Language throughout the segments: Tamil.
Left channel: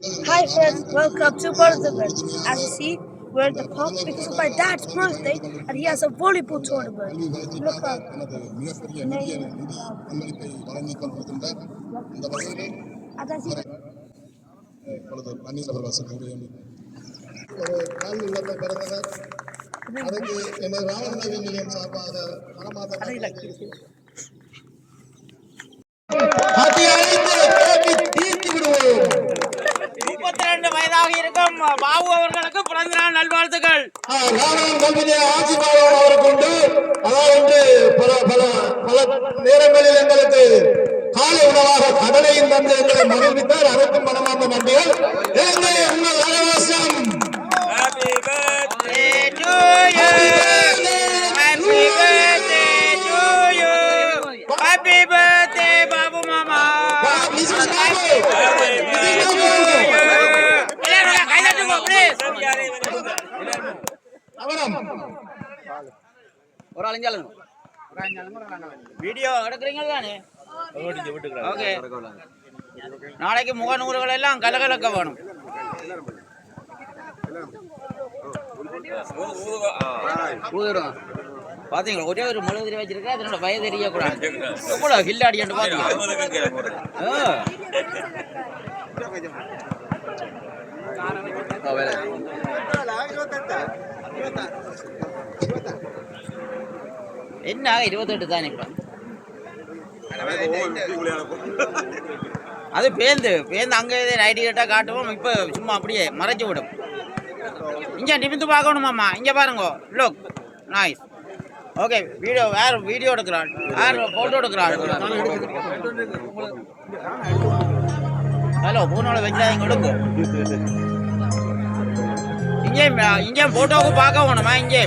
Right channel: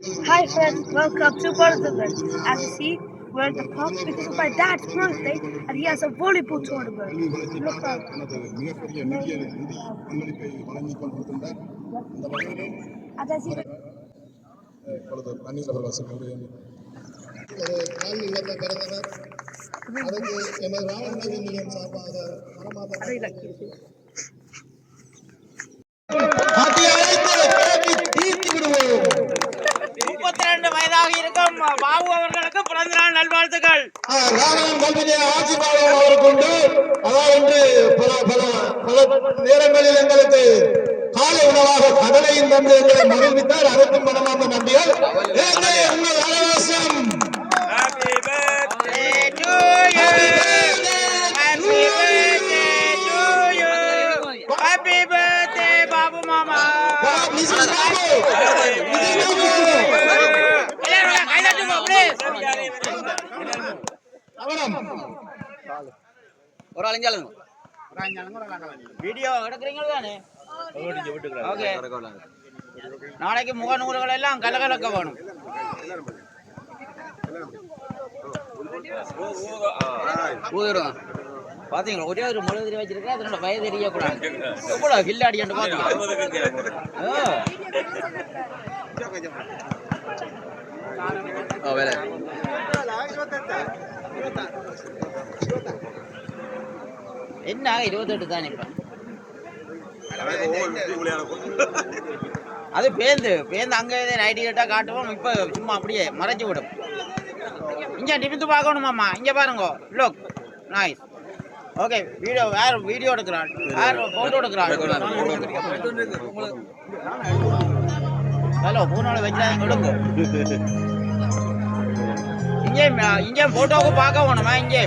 Hi friends, welcome to Birthday. As you see, we're at the park because it's my dad's birthday and he has a volleyball tournament. Look up. முப்பத்தி வயதாக இருக்கும் பாபு அவர்களுக்கு பிறந்த நாள் நல்வாழ்த்துக்கள். நேரங்களில் எங்களுக்கு காலை உணவாக கடலையும் தந்து எங்களை மகிழ்வித்தார். அதற்கும் மனமார்ந்த நன்றிகள். உங்கள் அனைவரும் Happy birthday, Babu Mama. ஒரு அலைஞ்சாலும் வீடியோ எடுக்கிறீங்க தானே? ஓகே. நாளைக்கு முகநூறுகள் எல்லாம் கலகலக்க வேணும். பாத்தீங்களா, ஒரே ஒரு மழுதிரி வச்சிருக்கேன். அதனோட வயது தெரியக்கூடாது. எவ்வளவு கில்லாடி என்று பாத்தீங்க. என்ன 28 தானே? அது பேந்து அங்கே ஐடி கேட்டா காட்டுவோம். இப்ப சும்மா அப்படியே மறைச்சு விடும். இங்க நிமிந்து பார்க்கணுமாம்மா. இங்க பாருங்க. Look nice. ஓகே, வீடியோ எடுக்கிறான். போட்டோ எடுக்கிறான். ஹலோ, பூனோட வச்சாங்க எடுங்க. இங்கே போட்டோவுக்கு பார்க்க வேணுமா? இங்கே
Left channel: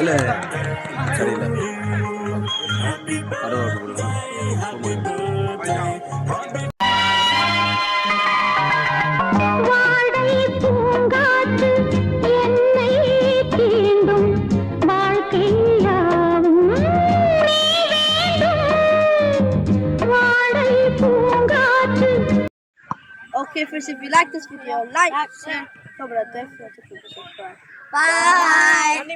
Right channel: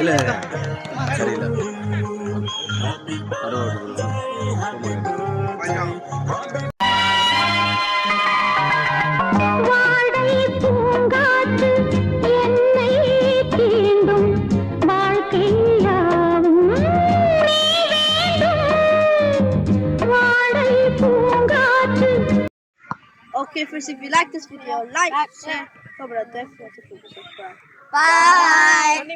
இல்ல சரியில்லை. Okay, first, if you like this video, like, share, comment, and don't forget to subscribe. Bye.